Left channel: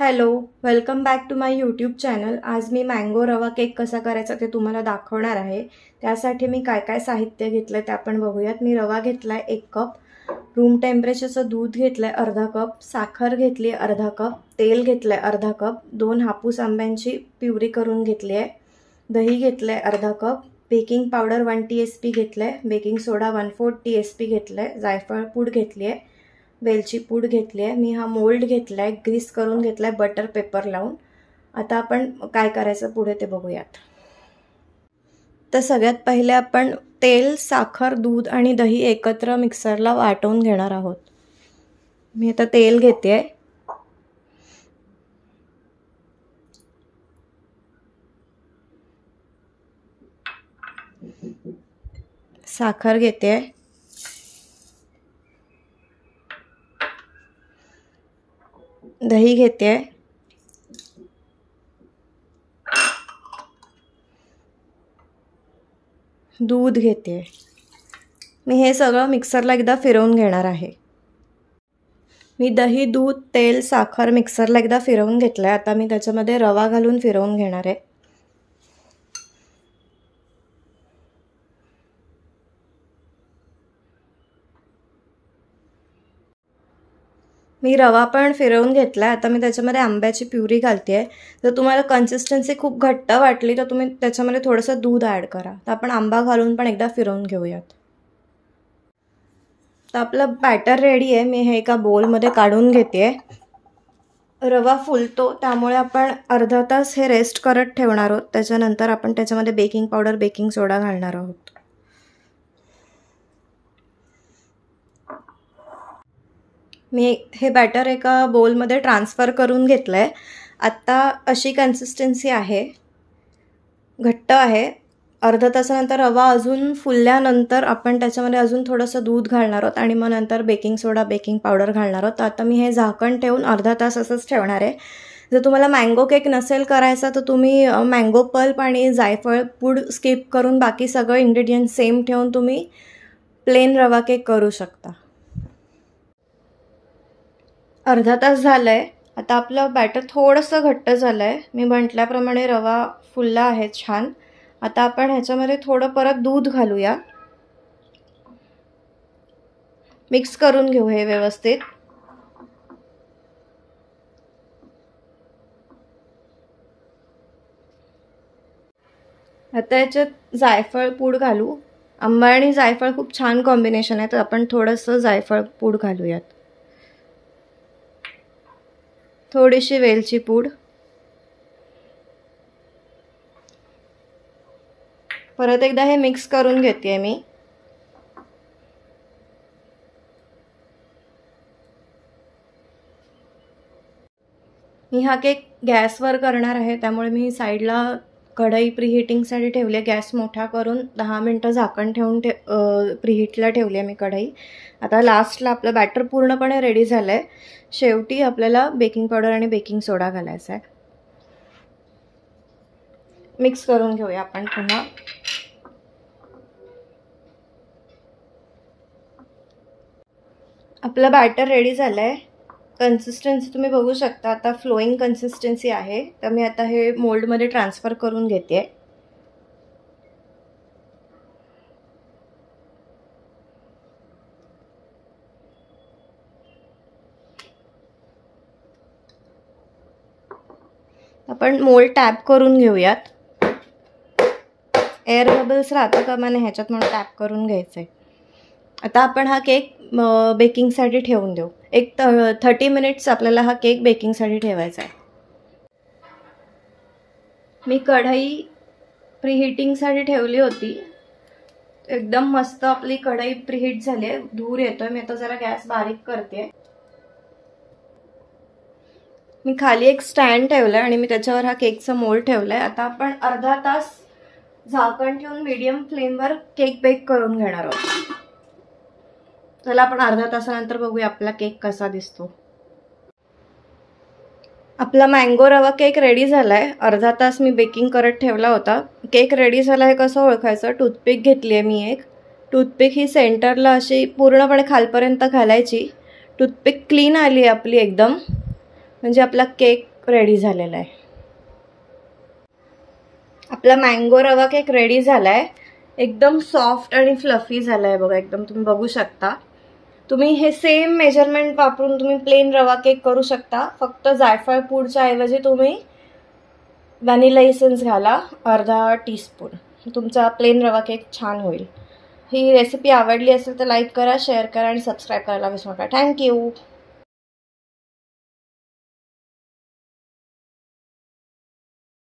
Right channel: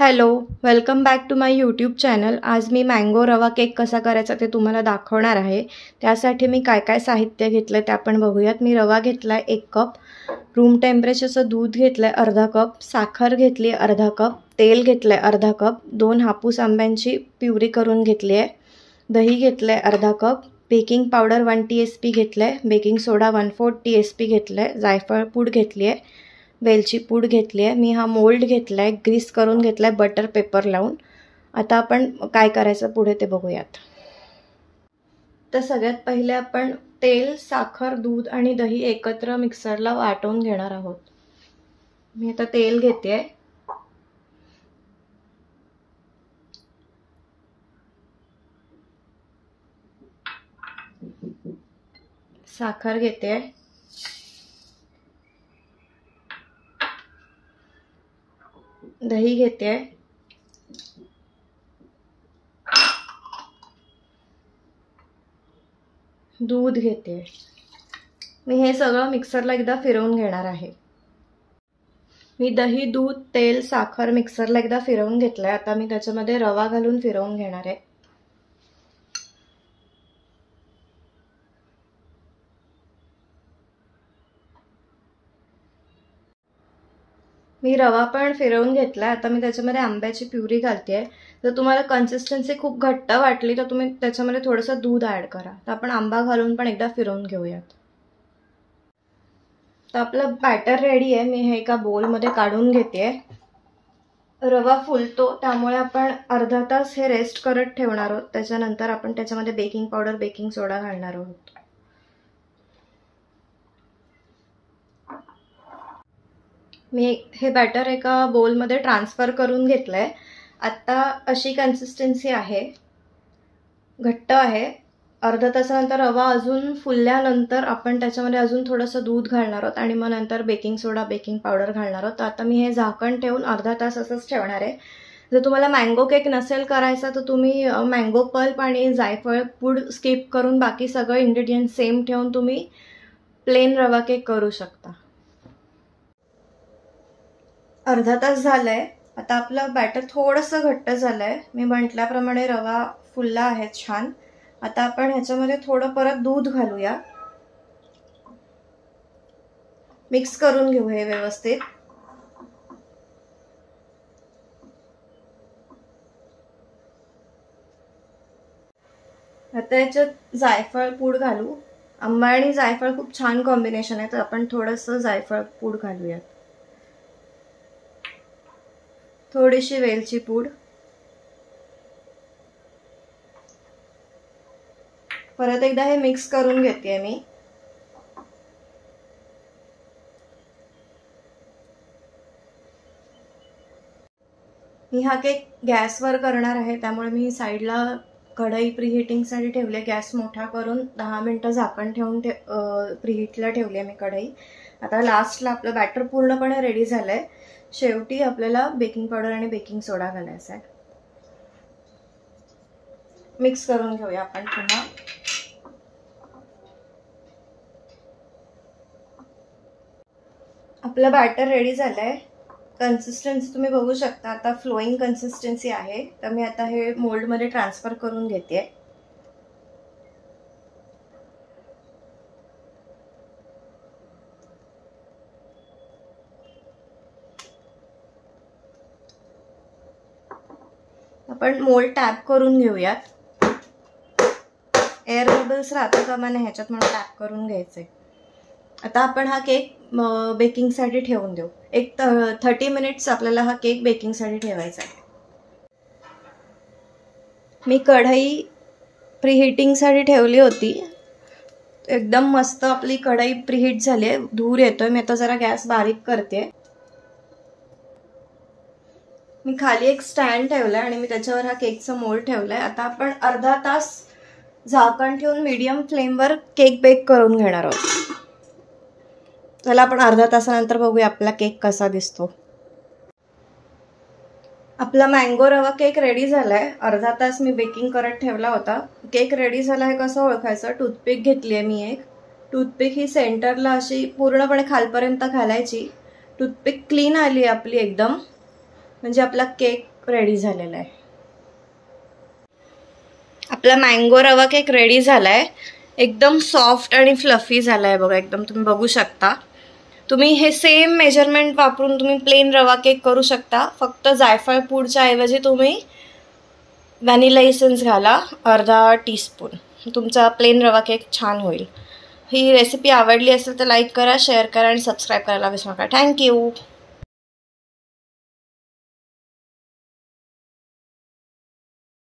Hello, welcome back to my YouTube channel. आज मी mango रवा केक कसा करायचा ते तुम्हाला दाखवणार आहे. त्यासाठी मी काय काय साहित्य घेतलं आहे ते आपण बघूयात. मी रवा घेतला आहे 1 कप, रूम टेम्परेचरचं दूध घेतलं आहे अर्धा कप, साखर घेतली आहे अर्धा कप, तेल घेतलं आहे अर्धा कप, 2 हापूस आंब्यांची प्युरी करून घेतली आहे, दही घेतलं आहे अर्धा कप, बेकिंग पावडर 1 TSP घेतलं आहे, बेकिंग सोडा 1/4 TSP घेतलं आहे, जायफळ पूड घेतली आहे, वेलची पूड घेतली आहे. मी हा मोल्ड घेतला आहे, ग्रीस करून घेतला आहे बटर पेपर लावून. आता आपण काय करायचं पुढे ते बघूयात. तर सगळ्यात पहिले आपण तेल, साखर, दूध आणि दही एकत्र मिक्सरला वाटून घेणार आहोत. मी आता तेल घेते, साखर घेते, दही घेते, दूध घेते. मी हे सगळं मिक्सरला एकदा फिरवून घेणार आहे. मी दही, दूध, तेल, साखर मिक्सरला एकदा फिरवून घेतलं आहे. आता मी त्याच्यामध्ये रवा घालून फिरवून घेणार आहे. मी रवा पण फिरवून घेतला आहे. आता मी त्याच्यामध्ये आंब्याची प्युरी घालते आहे. जर तुम्हाला कन्सिस्टन्सी खूप घट्ट वाटली तर तुम्ही त्याच्यामध्ये थोडंसं दूध ॲड करा. तर आपण आंबा घालून पण एकदा फिरवून घेऊयात. तर आपलं बॅटर रेडी आहे. मी हे एका बोलमध्ये काढून घेते. रवा फुलतो त्यामुळे आपण अर्धा तास हे रेस्ट करत ठेवणार आहोत. त्याच्यानंतर आपण त्याच्यामध्ये बेकिंग पावडर, बेकिंग सोडा घालणार आहोत. मी हे बॅटर एका बोलमध्ये ट्रान्सफर करून घेतलं आहे. आत्ता अशी कन्सिस्टन्सी आहे, घट्ट आहे. अर्धा तासानंतर रवा अजून फुलल्यानंतर आपण त्याच्यामध्ये अजून थोडंसं दूध घालणार आहोत आणि मग नंतर बेकिंग सोडा, बेकिंग पावडर घालणार आहोत. तर आता मी हे झाकण ठेवून अर्धा तास असंच ठेवणार आहे. जर तुम्हाला मँगो केक नसेल करायचा तर तुम्ही मँगो पल्प आणि जायफळ पूड स्किप करून बाकी सगळं इन्ग्रेडियंट सेम ठेवून तुम्ही प्लेन रवा केक करू शकता. अर्धा तास झाला आहे. आता आपलं बॅटर थोडंसं घट्ट झालं आहे. मी म्हटल्याप्रमाणे रवा फुलला आहे छान. आता आपण ह्याच्यामध्ये थोडं परत दूध घालूया. मिक्स करून घेऊ हे व्यवस्थित. आता याच्यात जायफळ पूड घालू. आंबा आणि जायफळ खूप छान कॉम्बिनेशन आहे, तर आपण थोडंसं जायफळ पूड घालूयात. थोडीशी वेलची पूड, परत एकदा हे मिक्स करून घेते मी. मी हा केक गॅसवर करणार आहे त्यामुळे मी साईडला कढई प्रीहीटिंगसाठी ठेवली आहे. गॅस मोठा करून 10 मिनिटं झाकण ठेवून प्रीहीटला ठेवली आहे मी कढई. आता लास्टला आपलं बॅटर पूर्णपणे रेडी झालं आहे. शेवटी आपल्याला बेकिंग पावडर आणि बेकिंग सोडा घालायचा आहे. मिक्स करून घेऊया आपण पुन्हा. आपलं बॅटर रेडी झालं आहे. कन्सिस्टन्सी तुम्ही बघू शकता, आता फ्लोईंग कन्सिस्टन्सी आहे. तर मी आता हे मोल्डमध्ये ट्रान्सफर करून घेते. आपण मोल्ड टॅप करून घेऊयात. एअर बबल्स राहता कामा नये ह्याच्यात म्हणून टॅप करून घ्यायचंय. आता आपण हा केक बेकिंगसाठी ठेवून देऊ. एक 30 मिनिट्स आपल्याला हा केक बेकिंगसाठी ठेवायचा आहे. मी कढई प्रीहीटिंगसाठी ठेवली होती. एकदम मस्त आपली कढई प्रीहीट झाली आहे. धूर येतोय. मी आता जरा गॅस बारीक करते. मी खाली एक स्टँड ठेवलाय आणि मी त्याच्यावर हा केकचा मोल्ड ठेवलाय. आता आपण अर्धा तास झाकण ठेवून मीडियम फ्लेमवर केक बेक करून घेणार आहोत. चला आपण अर्धा तासानंतर बघूया आपला केक कसा दिसतो. आपला मँगो रवा केक रेडी झालाय. अर्धा तास मी बेकिंग करत ठेवला होता. केक रेडी झाला हे कसं ओळखायचं? टूथपिक घेतली आहे मी एक. टूथपिक ही सेंटरला अशी पूर्णपणे खालपर्यंत घालायची. टूथपिक क्लीन आली आपली एकदम. म्हणजे आपला केक रेडी झालेला आहे. आपला मँगो रवा केक रेडी झाला आहे. एकदम सॉफ्ट आणि फ्लफी झाला आहे बघा, एकदम तुम्ही बघू शकता. तुम्ही हे सेम मेजरमेंट वापरून तुम्ही प्लेन रवा केक करू शकता. फक्त जायफळ पूडच्या ऐवजी तुम्ही व्हॅनिला इसेन्स घाला अर्धा टीस्पून. तुमचा प्लेन रवा केक छान होईल. ही रेसिपी आवडली असेल तर लाईक करा, शेअर करा आणि सबस्क्राईब करायला विसरू नका. थँक्यू.